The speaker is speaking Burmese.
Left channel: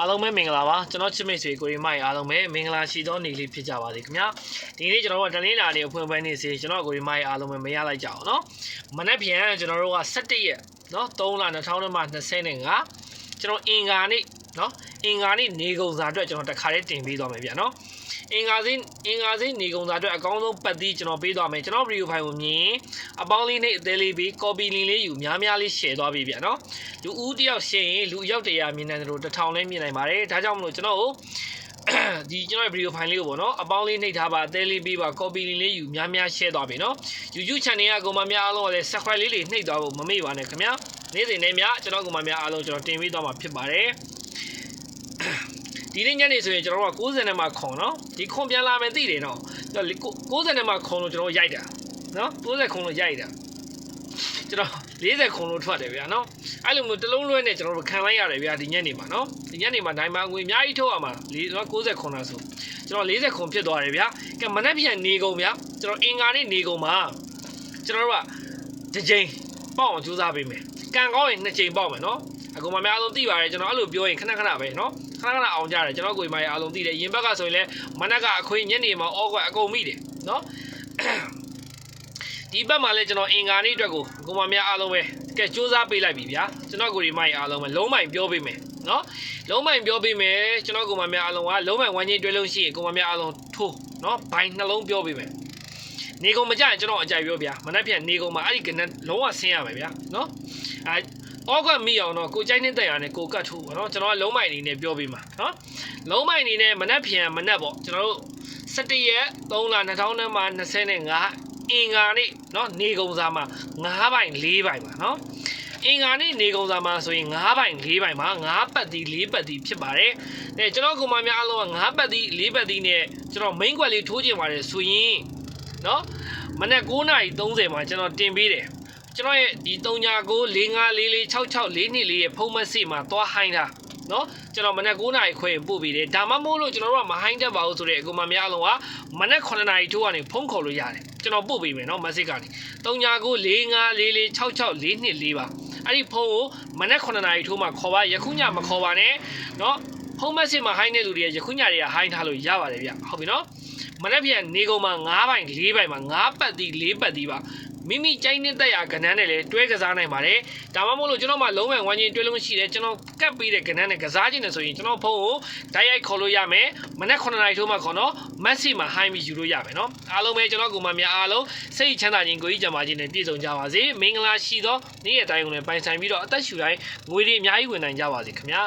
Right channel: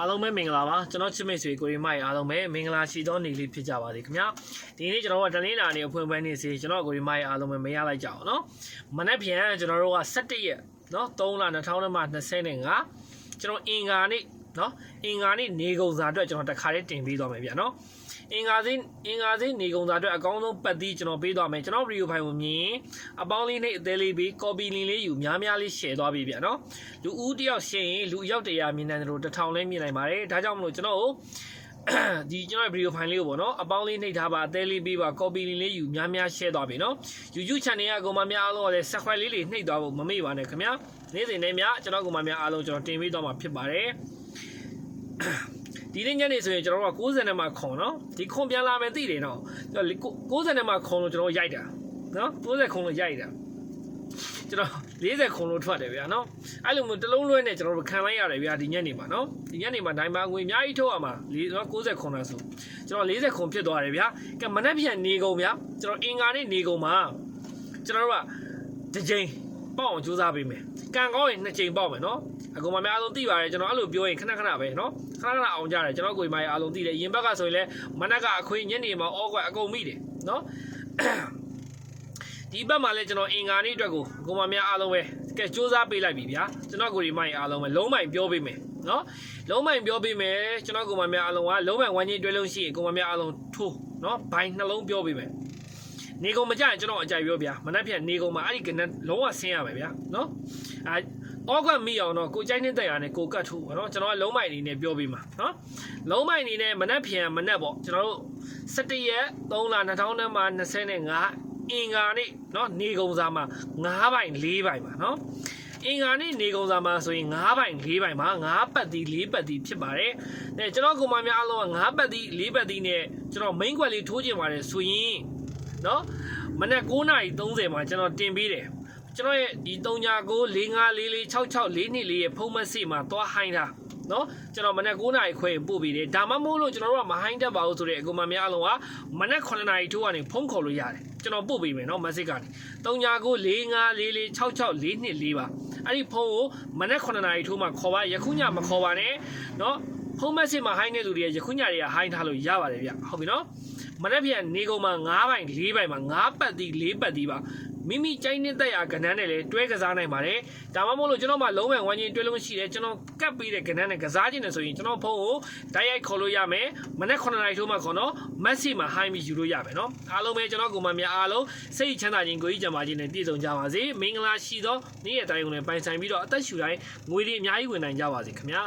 အားလုံးပဲမင်္ဂလာပါကျွန်တော်ချစ်မိတ်ဆွေကိုရီမိုက်အားလုံးပဲမင်္ဂလာရှိသောနေ့လေးဖြစ်ကြပါစေခင်ဗျာဒီနေ့ကျွန်တော်တို့ကတနင်္လာနေ့အဖွင့်ပွဲနေ့စီကျွန်တော်ကိုရီမိုက်အားလုံးပဲမရလိုက်ကြအောင်နော်မနေ့ပြန်ကျွန်တော်တို့က17ရက်နော်3လ2025ကျွန်တော်အင်္ဂါနေ့နော်အင်္ဂါနေ့နေကုန်စာအတွက်ကျွန်တော်တခါလေးတင်ပေးသွားမယ်ဗျာနော်အင်္ဂါစင်းနေကုန်စာအတွက်အကောင်းဆုံးပတ်သီးကျွန်တော်ပေးသွားမယ်ကျွန်တော်ဗီဒီယိုဖိုင်ကိုမြင်အပေါင်းလေးနဲ့အသေးလေးပြီး copy link လေးယူများလေး share သွားပြီဗျာနော်လူဦးတယောက် share ရင်လူရောက်100မြင်နိုင်တယ်လို့1000လည်းမြင်နိုင်ပါတယ်ဒါကြောင့်မလို့ကျွန်တော်တို့ဒီကျွန်တော်ဗီဒီယိုဖိုင်လေးကိုပေါ့နော်အပေါင်းလေးနှိပ်ထားပါအသေးလေးပြီးပါ copy link လေးယူများ share သွားပြီနော် YouTube channel ကကိုမများအားလုံးကလည်း subscribe လေးနှိပ်သွားဖို့မမေ့ပါနဲ့ခင်ဗျာနေ့စဉ်နဲ့များကျွန်တော်ကိုမများအားလုံးကျွန်တော်တင်ပေးသွားမှာဖြစ်ပါတယ်ဒီနေ့ညနေဆိုရင်ကျွန်တော်တို့က90နဲ့မှခွန်နော်ဒီခွန်ပြန်လာမယ်သိတယ်နော်90နဲ့မှခွန်လို့ကျွန်တော်ရိုက်တာနော်90ခွန်လို့ရိုက်တာကျွန်တော်40ခွန်လို့ထွက်တယ်ဗျာနော်အဲ့လိုမျိုးတလုံးလွဲနဲ့ကျွန်တော်တို့ခံလိုက်ရတယ်ဗျာဒီညနေမှာနော်ဒီညနေမှာဒိုင်မာငွေအများကြီးထုတ်ရမှာ90ခွန်လားဆိုကျွန်တော်40ခွန်ဖြစ်သွားတယ်ဗျာကဲမနေ့ပြန်နေကုန်ဗျာကျွန်တော်အင်္ဂါနေ့နေကုန်မှာကျွန်တော်တို့ကတစ်ချိန်ပေါက်အောင်ကြိုးစားပေးမယ်ကန်ကောင်းရင်2ချိန်ပေါက်မယ်နော်အကုန်မများအောင်သိပါတယ်ကျွန်တော်အဲ့လိုပြောရင်ခဏပဲနော်ခဏအောင်ကြတယ်ကျွန်တော်ကိုယ်မအားလုံးသိတယ်ရင်ဘက်ကဆိုရင်လည်းမနက်ကအခွေညနေမှာအော့ကွက်အကုန်မိတယ်နော်ဒီဘက်မှာလည်းကျွန်တော်အင်္ဂါနေ့အတွက်ကိုကိုမများအားလုံးပဲကဲစူးစမ်းပေးလိုက်ပြီဗျာကျွန်တော်ကိုယ်မိုက်အားလုံးပဲလုံးမိုင်ပြောပေးမယ်နော်လုံးမိုင်ပြောပေးမယ်ကျွန်တော်ကိုမများအားလုံးကလုံးမိုင်ဝမ်းချင်းတွဲလုံးရှိရင်ကိုမများအားလုံးထိုးနော်ဘိုင်နှလုံးပြောပေးမယ်နေကုန်မကြရင်ကျွန်တော်အကြိုက်ပြောဗျာမနက်ဖြန်နေကုန်မှာအဲ့ဒီကနလုံးဝဆင်းရမယ်ဗျာနော်အောက်ကမိအောင်တော့ကိုကြိုက်နေတဲ့ရနဲ့ကိုကတ်ထိုးပါနော်ကျွန်တော်ကလုံးမိုင်အနေနဲ့ပြောပေးမှာနော်လုံးမိုင်အနေနဲ့မနက်ဖြန်မနက်ပေါ့ကျွန်တော်တို့17ရက်3လ2025အင်္ဂါနေ့နော်နေကုန်စာမှာ9ပိုင်4ပိုင်ပါနော်အင်္ဂါနေ့နေကုန်စာမှာဆိုရင်9ပိုင်4ပိုင်မှာ9ပတ်တီ4ပတ်တီဖြစ်ပါတယ်အဲကျွန်တော်ကောင်မများအားလုံးက9ပတ်တီ4ပတ်တီနဲ့ကျွန်တော် main ကွက်လေးထိုးကျင်ပါတယ်ဆိုရင်နော်မနက်9:30မှာကျွန်တော်တင်ပေးတယ်ကျွန်တော်ရဲ့ဒီ3994546644ရဲ့ဖုန်းမက်ဆေ့မှာသွားဟိုင်းတာနော်ကျွန်တော်မနက်9:00နာရီခွဲပို့ပေးတယ်ဒါမှမဟုတ်လို့ကျွန်တော်တို့ကမဟိုင်းတတ်ပါဘူးဆိုတဲ့အကူမများအလုံးကမနက်9:00နာရီထိုးကနေဖုန်းခေါ်လို့ရတယ်ကျွန်တော်ပို့ပေးမယ်နော်မက်ဆေ့ကနေ3994546644ပါအဲ့ဒီဖုန်းကိုမနက်9:00နာရီထိုးမှခေါ်ပါယခုညမခေါ်ပါနဲ့နော်ဖုန်းမက်ဆေ့မှာဟိုင်းတဲ့လူတွေကယခုညတွေကဟိုင်းထားလို့ရပါတယ်ဗျဟုတ်ပြီနော်မနေ့ပြန်နေကုန်မှာ9ပိုင်4ပိုင်မှာ9ပတ်တီ4ပတ်တီပါမိမိကြိုင်းနေတဲ့ရာကဏ္ဍနဲ့လည်းတွဲကစားနိုင်ပါတယ်ဒါမှမဟုတ်လို့ကျွန်တော်မှလုံးဝဝမ်းချင်းတွဲလုံးရှိတယ်ကျွန်တော်ကတ်ပေးတဲ့ကဏ္ဍနဲ့ကစားခြင်းနဲ့ဆိုရင်ကျွန်တော်ဖုန်းကိုတိုက်ရိုက်ခေါ်လို့ရမယ်မနေ့9နာရီထိုးမှခေါ်တော့မက်ဆေ့မှာဟိုင်းပြီးယူလို့ရမယ်နော်အားလုံးပဲကျွန်တော်ကိုမများအားလုံးစိတ်ချမ်းသာခြင်းကိုကြီးကြံပါခြင်းနဲ့ပြည့်စုံကြပါစေမင်္ဂလာရှိသောနေ့ရက်တိုင်းကိုလည်းပိုင်ဆိုင်ပြီးတော့အသက်ရှူတိုင်းငွေတွေအများကြီးဝင်နိုင်ကြပါစေခင်ဗျာ